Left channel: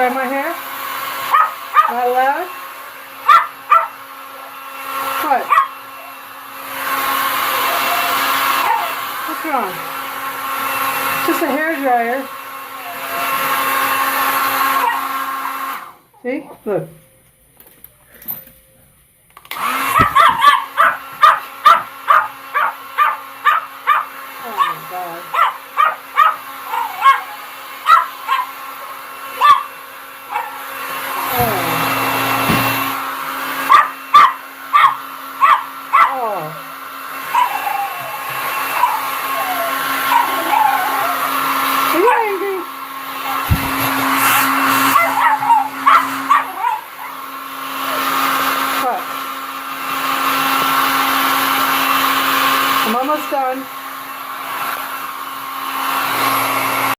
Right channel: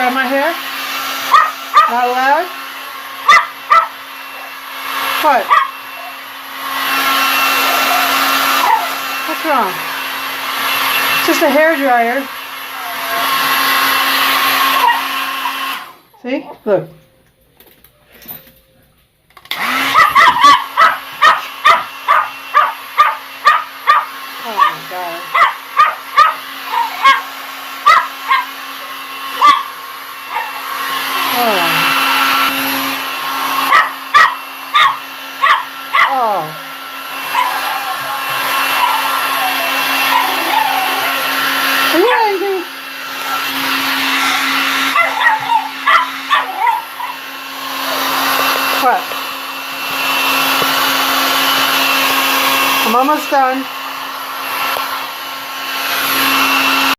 dry my hair? Not allowed? What? What's wrong? It's just a hair dryer. See? Look. Oh my God. Oh. Oh. Are you angry? What? I'm almost done.